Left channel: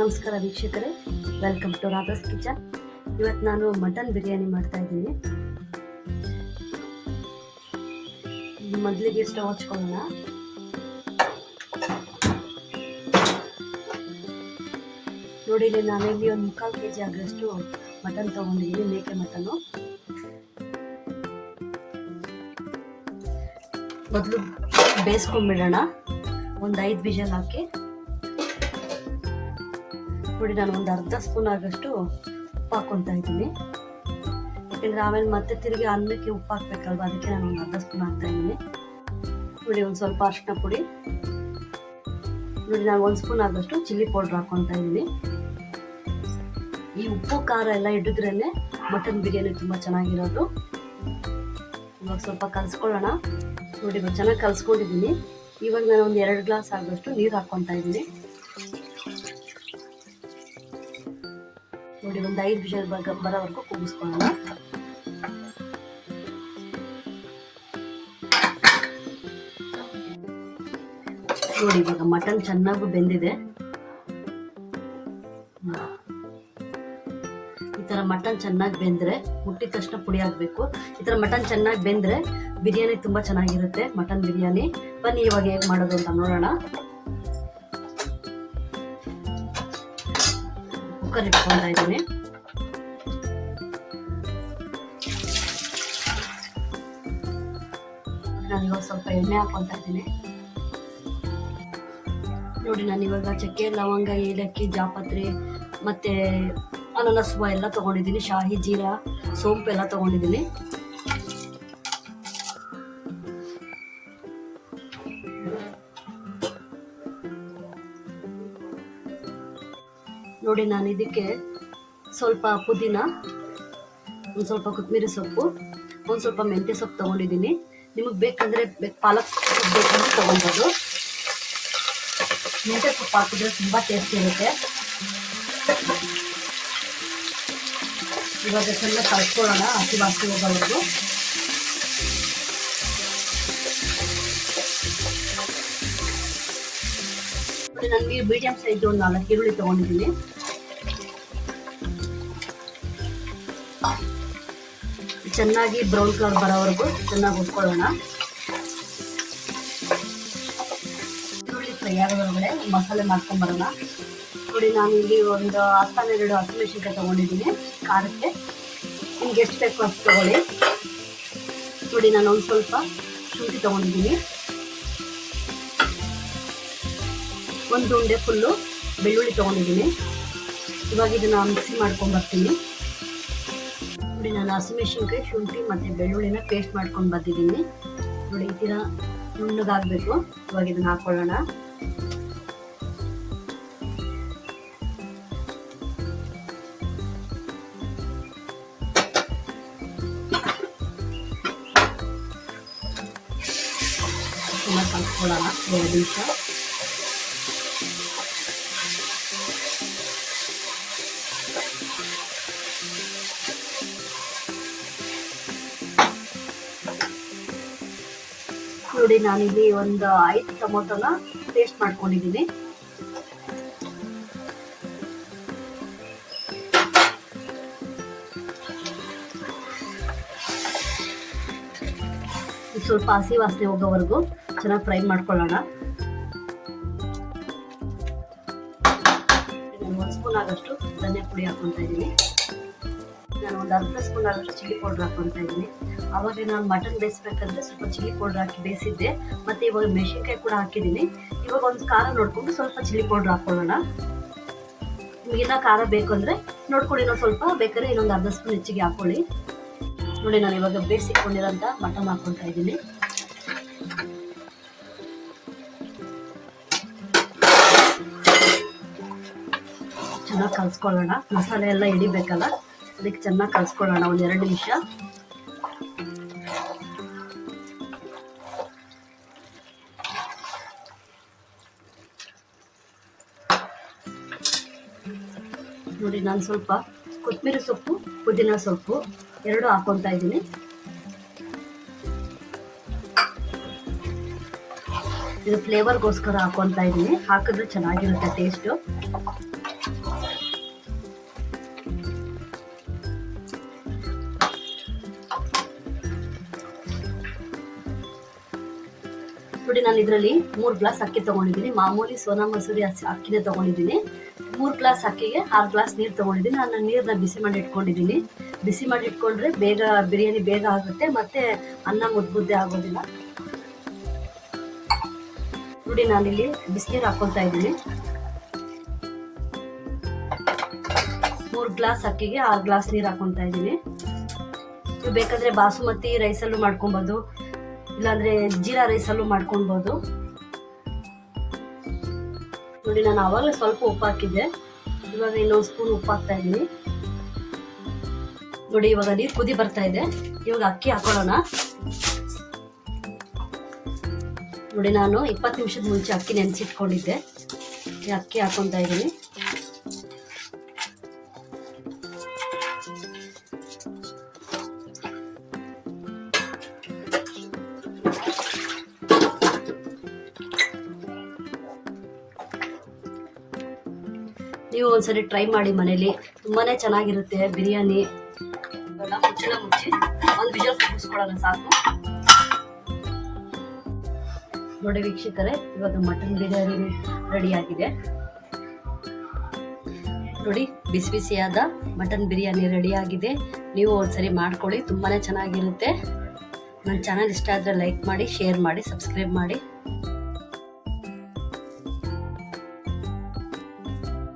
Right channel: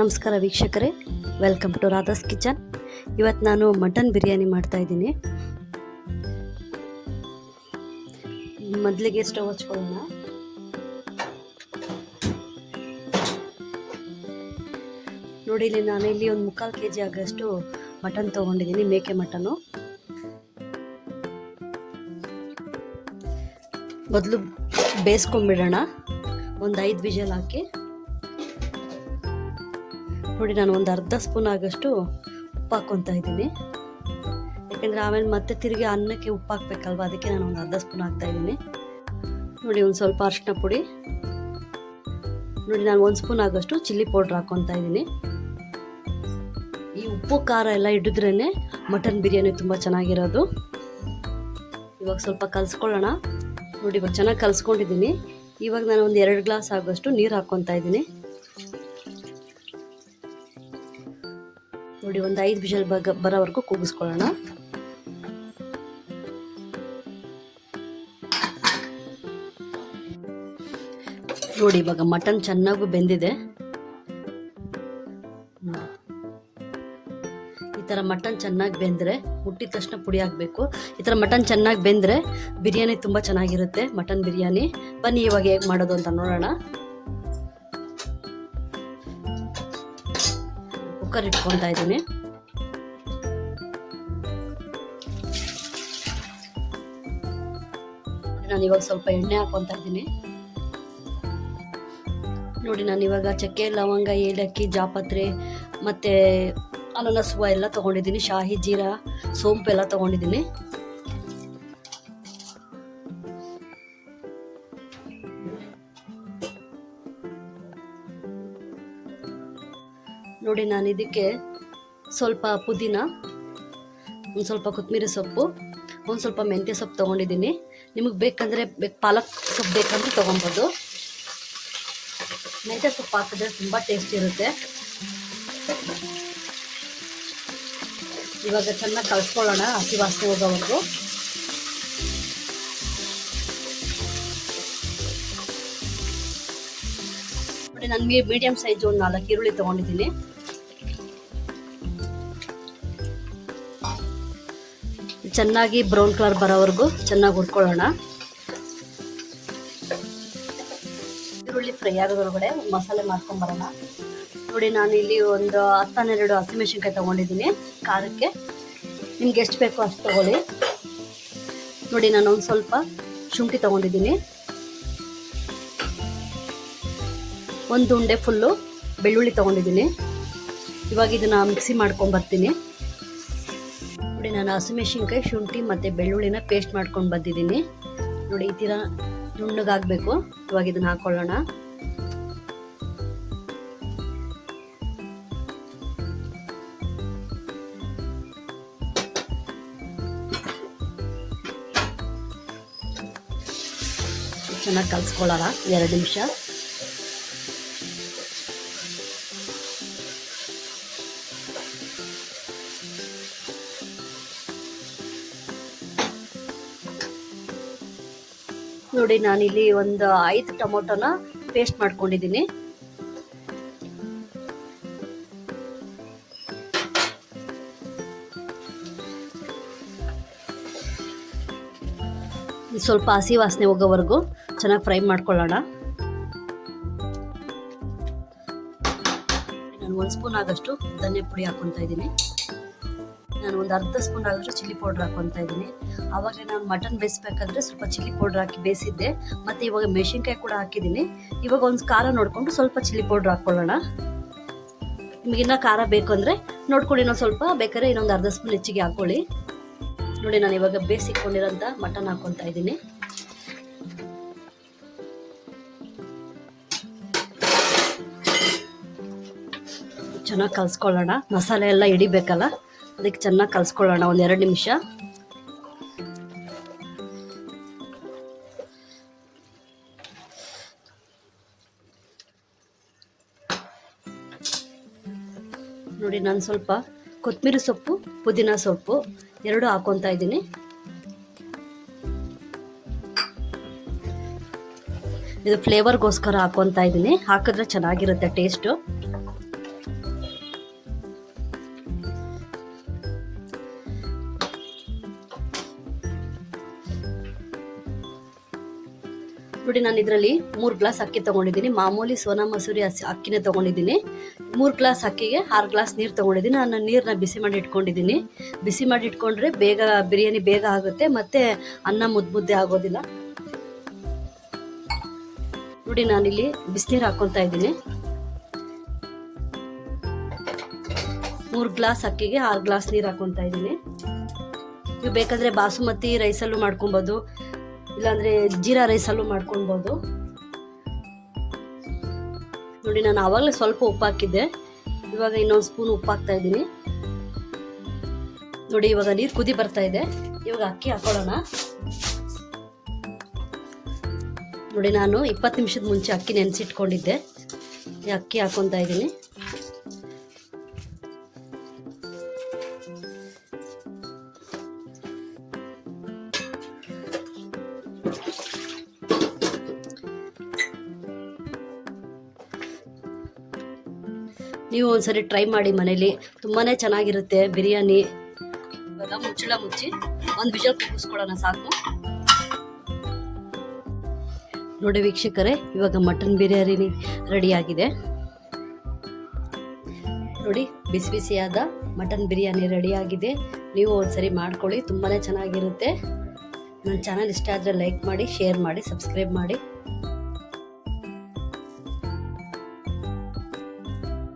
ನಮಸ್ಕಾರ ವೀಕ್ಷಕರೇ, welcome to Radha's kitchen. ಇವತ್ತು ನಾನು ಮಟನ್ ಬಿರಿಯಾನಿ ಮಾಡ್ತಾ ಇದ್ದೀನಿ. ಮೊದಲಿಗೆ ಸ್ಟವ್ ಹಚ್ಕೊಳ್ಳೋಣ. ನೋಡಿ, ಇಲ್ಲಿ ನಾನಿಲ್ಲಿ ಒಂದು 3/4 kg ಆಗೋಷ್ಟು ಮಟನ್ ತೊಗೊಂಡಿದ್ದೀನಿ, ಮೇಕೆ ಮಟನ್ನು. ಮೊದಲು ಬೇಯಿಸ್ಕೊಂಡ್ಬಿಡೋಣ, ಒಂದು 5 ವಿಷಲ್ ಹಾಕಿ. ನೋಡಿ, ನಾನು ಒಂದು ಅರ್ಧ ಸ್ಪೂನ್ ಆಗೋಷ್ಟು ಉಪ್ಪು ಹಾಕ್ಕೊತಾ ಇದ್ದೀನಿ. ಯಾಕೆಂದರೆ ಆಮೇಲೆ ಮತ್ತೆ ತಿರುಗಿ ಅನ್ನಕ್ಕೆ ಉಪ್ಪು ಹಾಕ್ಬೇಕಲ್ವ, ಅದಕ್ಕೆ ನಾನು ಒಂದು ಅರ್ಧ ಸ್ಪೂನ್ ಹಾಕ್ತಾ ಇದ್ದೀನಿ. ನೋಡಿ, ಒಂದು ಸ್ವಲ್ಪ ಅರಿಶಿನ ಪುಡಿ. ನೋಡಿ, ನಾನು 1 ಸ್ಪೂನ್ ಆಗೋಷ್ಟು ಚಿಲ್ಲಿ ಪೌಡ್ರ್ ಹಾಕ್ಕೊತಾ ಇದ್ದೀನಿ. ಈ ಉಪ್ಪು ಖಾರ ಎಲ್ಲ ಹಿಡಿದ್ರೇ ಮಟನ್ ಬಿರಿಯಾನಿ ತುಂಬ ಚೆನ್ನಾಗಿರೋದು. ಇವಾಗ ಸ್ವಲ್ಪ ಕಲಿಸ್ಕೊಳ್ಳೋಣ. ನೋಡಿ, ಇವಾಗ ಚೆನ್ನಾಗಿ ಕಲಿಸ್ಕೊಂಡಿದ್ದೀನಿ. ಇವಾಗ ನಾನು ಒಂದು 2 ಗ್ಲಾಸ್ ಆಗೋಷ್ಟು ನೀರು ಹಾಕ್ಕೊತಾ ಇದ್ದೀನಿ. ನೋಡಿ, ಒಂದು 5 ವಿಷಲ್ ಬರೋವರೆಗೂ ಕೂಗಿಸ್ಕೊಳ್ಳೋಣ. ನೋಡಿ, ಇವಾಗ ಮಟನ್ ಚೆನ್ನಾಗೂ ಬೆಂದಿದೆ. ಈ ಥರ ಮಟನ್ ಚೆನ್ನಾಗಿ ಬೆಂದರೆ, ಮುಟ್ಟಿದ ತಕ್ಷಣ ಪುಡಿ ಹಾಕಬೇಕು. ಈ ಥರ ಮಟನ್ ಚೆನ್ನಾಗಿ ಬೆಂದರೆ ಬಿರಿಯಾನಿ ತುಂಬ ಚೆನ್ನಾಗಿರುತ್ತೆ, ಮಟನ್ ಬಿರಿಯಾನಿ. ಬನ್ನಿ ಇವಾಗ ಹೇಗೆ ಮಾಡೋದು ಅಂತ ನೋಡೋಣ. ಕುಕ್ಕರ್ ಇಟ್ಕೊತಾ ಇದ್ದೀನಿ. ನಾನು ಇವಾಗ ಸ್ವಲ್ಪ ಎಣ್ಣೆ ಹಾಕ್ಕೊತಾ ಇದ್ದೀನಿ. ನೋಡಿ, ನಾನು ಇವಾಗ ಚಕ್ಕೆ, ಲವಂಗ, ಏಲಕ್ಕಿ, ಜಾಪತ್ರೆ ಮತ್ತು ಅನಾನಸ್ ಹೂವು ಎಲ್ಲ ತೊಗೊಂಡಿದ್ದೀನಿ. ಶಾಹಿ ಜೀರಾ, ಸೋಂಪು ಎಲ್ಲ ತೊಗೊಂಡಿದ್ದೀನಿ. ನೋಡಿ, ನಾನು ಇದಕ್ಕೆ ಸ್ವಲ್ಪ ಪುದೀನ, ಒಂದು ಸ್ವಲ್ಪ ಕೊತ್ತಂಬರಿ ಸೊಪ್ಪು, ಒಂದು ಸ್ವಲ್ಪ ಮೆಂತ್ಯ ಸೊಪ್ಪು ತೊಗೊಂಡಿದ್ದೀನಿ. ನಿಮಗೆ ಬೇಕಾದರೆ ಪಾಲಕ್ ಸೊಪ್ಪು ಬೇಕಾದರೆ ತೊಗೊಬೋದು. ಮೆಂತ್ಯ ಸೊಪ್ಪು ಹಾಕಿದ್ರೆ ತುಂಬ ಟೇಸ್ಟ್ ಇರುತ್ತೆ. ಇವಾಗ ಚೆನ್ನಾಗಿ ಕಲಿಸ್ಕೊಳ್ಳೋಣ, ಹಸಿ ವಾಸನೆ ಹೋಗೋವರೆಗೂ. ನೋಡಿ, ನನಗೆ ಮೀಡಿಯಂ ಸೈಜ್ ಒಂದು 4 ಈರುಳ್ಳಿ ತೊಗೊಂಡಿದ್ದೀನಿ. ಚೆನ್ನಾಗಿ ಬ್ರೌನ್ ಕಲರ್ ಬರೋವರೆಗೂ ಚೆನ್ನಾಗಿ ಹುರ್ಕೊಳ್ಳೋಣ. ಈರುಳ್ಳಿ ಫ್ರೈ ಆಗೋದ್ರೊಳಗಡೆ ಮಸಾಲೆ ಮಾಡ್ಕೊಂಬರೋಣ. ನೋಡಿ, ನಾನಿಲ್ಲಿ ಒಂದು 10-12 ಹಸಿಮೆಣಸಿನ್ಕಾಯಿ ತೊಗೊಂಡಿದ್ದೀನಿ ಖಾರಕ್ಕೆ. ನಿಮ್ಗೆ ಎಷ್ಟು ಬೇಕು ಅಷ್ಟು ತೊಗೊಳ್ಳಿ. ನೋಡಿ, ನಾನು ಒಂದು ಸ್ವಲ್ಪ ಶುಂಠಿ ತೊಗೊಂಡಿದ್ದೀನಿ. ಒಂದು ಉಂಡೆ ಫುಲ್ಲು ಬೆಳ್ಳುಳ್ಳಿ ತೊಗೊಂಡಿದ್ದೀನಿ. ಇವಾಗ ಇದನ್ನು ಮಿಕ್ಸಿ ಮಾಡ್ಕೊಂಬರ್ತೀನಿ. ನೋಡಿ, ನಾನು ಹಸಿಮೆಣಸಿನ್ಕಾಯಿ, ಶುಂಠಿ ಮತ್ತು ಬೆಳ್ಳುಳ್ಳಿನ ಪೇಸ್ಟ್ ಮಾಡ್ಕೊಂಡು ಬಂದಿದ್ದೀನಿ. ನೋಡಿ, ಈ ಥರ ನುಣ್ಣಗಾಗಬೇಕು. ಇವಾಗ ಇದನ್ನು ಹಾಕ್ಕೊಳ್ಳೋಣ. ಚೆನ್ನಾಗಿ ಕಲಿಸ್ಕೊಳ್ಳೋಣ 2 ನಿಮಿಷ. ನೋಡಿ, ನಾನಿಲ್ಲಿ ಒಂದು 5 ಟೊಮೊಟೊನ ಪೇಸ್ಟ್ ಮಾಡ್ಕೊಂಡಿದ್ದೀನಿ. ಸ್ವಲ್ಪ ಹಸಿ ವಾಸನೆ ಹೋಗೋವರೆಗೂ ಚೆನ್ನಾಗಿ ಫ್ರೈ ಮಾಡ್ಕೊಳ್ಳೋಣ. ನಾನು 1 ಸ್ಪೂನ್ ಆಗೋಷ್ಟು ಧನಿಯಾ ಪುಡಿ ಹಾಕ್ಕೊತಾ ಇದ್ದೀನಿ. ನಾನು ಒಂದು ಅರ್ಧ ಸ್ಪೂನ್ ಆಗೋಷ್ಟು ಚಿಲ್ಲಿ ಪೌಡ್ರ್ ಹಾಕ್ಕೊತಾ ಇದ್ದೀನಿ. ಆವಾಗಲೇ ನಾನು ಮಟನ್ ಬೇಯಿಸ್ಬೇಕಾದ್ರೆ ಸ್ವಲ್ಪ ಚಿಲ್ಲಿ ಪೌಡ್ರ್ ಹಾಕಿ ಬೇಯಿಸಿದ್ದೆ, ಮತ್ತು ಇವಾಗ ಮೆಣಸಿನ್ಕಾಯಿ ಕೂಡ ಹಾಕಿದ್ದೀನಿ. ಇವಾಗ ಒಂದು ಖಾರ ನೋಡ್ಕೊಂಡು ಸ್ವಲ್ಪ ಚಿಲ್ಲಿ ಪೌಡ್ರ್ ಹಾಕ್ಕೊಳ್ಳೋಣ. ನಿಮಗಿನ್ನ ಖಾರ ಬೇಕು ಅಂದರೆ ನೋಡ್ಕೊಳ್ಳಿ, ಇನ್ನೊಂದು ಸ್ವಲ್ಪ ಬೇಕಾದ್ರೆ ಇನ್ನೊಂದು ಅರ್ಧ ಸ್ಪೂನ್ ಹೆಚ್ಚಿಗೆ ಹಾಕ್ಕೊಳ್ಳಿ. ನೋಡಿ, ನಾನು ಇವಾಗ ಬೇಯಿಸಿಕೊಂಡಿರೋಂಥ ಮಟನ್ ಹಾಕ್ಕೊತಾ ಇದ್ದೀನಿ. ಚೆನ್ನಾಗಿ ಕಲಿಸ್ಕೊಳ್ಳೋಣ. ಮಸಾಲೆ ಎಲ್ಲ ಹಿಡಿಬೇಕಲ್ಲ, ಅದಕ್ಕೆ ಚೆನ್ನಾಗಿ ಕಲಿಸ್ಕೊಳ್ಳೋಣ ಒಂದು 2 ನಿಮಿಷ. ನೋಡಿ, ನಾನು ಸ್ವಲ್ಪ ಕೊತ್ತಂಬರಿ ಸೊಪ್ಪು, ಪುದೀನ ಸೊಪ್ಪು 2 ಹಾಕ್ಕೊತಾ ಇದ್ದೀನಿ. ಇದು ಫ್ಲೇವರ್ಗೋಸ್ಕರ ಹಾಕ್ಕೊತಾ ಇದ್ದೀನಿ, ಹಾಕಿದ್ರೆ ಚೆನ್ನಾಗಿರುತ್ತೆ ಟೇಸ್ಟು. ನೋಡಿ ನಾನು ಇದರಲ್ಲಿ 3 ಗ್ಲಾಸ್ ಅಕ್ಕಿ ತೊಗೊಂಡಿದ್ದೀನಿ. ಮಾಮೂಲಿ ಸೋನಾ ಮಸೂರಿ ಅಕ್ಕಿನೇ ತೊಗೊಂಡಿದ್ದೀನಿ. 3 ಗ್ಲಾಸ್ ಅಕ್ಕಿಗೆ 6 ಗ್ಲಾಸ್ ನೀರು ತೊಗೊಂಡಿದ್ದೀನಿ. ನಾನು ನೀರನ್ನ ಬಿಸಿ ಮಾಡಿ ಇಟ್ಕೊಂಡಿದ್ದೀನಿ. ಬಿಸಿ ಮಾಡಿ ಇಟ್ಕೊಂಡ್ರೆ ಬೇಗ ಬಿರಿಯಾನಿ ಬೇಗ ಆಗುತ್ತೆ, ಮತ್ತು ಅನ್ನ ಮುದ್ದೆ ಆಗೋದಿಲ್ಲ. ನೋಡಿ ನಾನಿಲ್ಲಿ ಬಿಸಿನೀರು ಹಾಕ್ಕೊತಾ ಇದ್ದೀನಿ. 3 ಗ್ಲಾಸ್ ಅಕ್ಕಿಗೆ 6 ಗ್ಲಾಸ್ ನೀರು ಹಾಕ್ಕೊತಾ ಇದ್ದೀನಿ. ನೀವು ಬೇಕಾದರೆ ಬಾಸುಮತಿ ರೈಸಲ್ಲೂ ಮಾಡ್ಕೊಬೋದು, ಇಲ್ಲಾಂದರೆ ಜೀರಾ ರೈಸಲ್ಲೂ ಮಾಡ್ಕೊಳ್ಬೋದು. ನೋಡಿ ನಾನು ಆವಾಗಲೇ ಸ್ವಲ್ಪ ಉಪ್ಪು ಹಾಕಿದ್ದೆ, ಇವಾಗ ಇನ್ನೊಂದು ಸ್ಪೂನ್ ಉಪ್ಪು ಹಾಕ್ತಾ ಇದ್ದೀನಿ. ನೋಡಿ ಇವಾಗ ನೀರು ಕುದಿ ಬರ್ತಾ ಇದೆ. ಇವಾಗ ಅಕ್ಕಿ ಹಾಕೊಳ್ಳೋಣ. ನೋಡಿ ನಾನು 20 ನಿಮಿಷದ ಮುಂಚೆ ಅಕ್ಕಿ ನೆನೆಸಿಟ್ಕೊಂಡಿದ್ದೆ. ಈ ಅಕ್ಕಿ ಹಾಕೊತಾ ಇದ್ದೀನಿ. ನೀವು ಒಂದ್ಸರಿ ಟ್ರೈ ಮಾಡಿ ಮನೇಲಿ, ತುಂಬಾ ಚೆನ್ನಾಗಿರುತ್ತೆ ಬಿರಿಯಾನಿ. ಇವಾಗ ಮುಚ್ಚಳ ಮುಚ್ಚಿ ಒಂದು ವಿಷಲ್ ಕೂಗಿಸ್ಕೊಳ್ಳೋಣ ಸಾಕು. ನೋಡಿ ವೀಕ್ಷಕರೇ, ಇವಾಗ ಮಟನ್ ಬಿರಿಯಾನಿ ರೆಡಿಯಾಗಿದೆ. ನೋಡಿ ಬಿಸಿ ಬಿಸಿಯಾದ ಮಟನ್ ಬಿರಿಯಾನಿ ರೆಡಿಯಾಗಿದೆ. ನೀವು ಒಂದ್ಸರಿ ಮಾಡ್ಕೊಳ್ಳಿ, ತುಂಬಾ ಚೆನ್ನಾಗಿರುತ್ತೆ. ನನ್ನ ಚಾನಲ್ ಇಷ್ಟ ಆದರೆ ಲೈಕ್ ಮಾಡಿ, ಶೇರ್ ಮಾಡಿ, ಸಬ್ಸ್ಕ್ರೈಬ್ ಮಾಡಿ.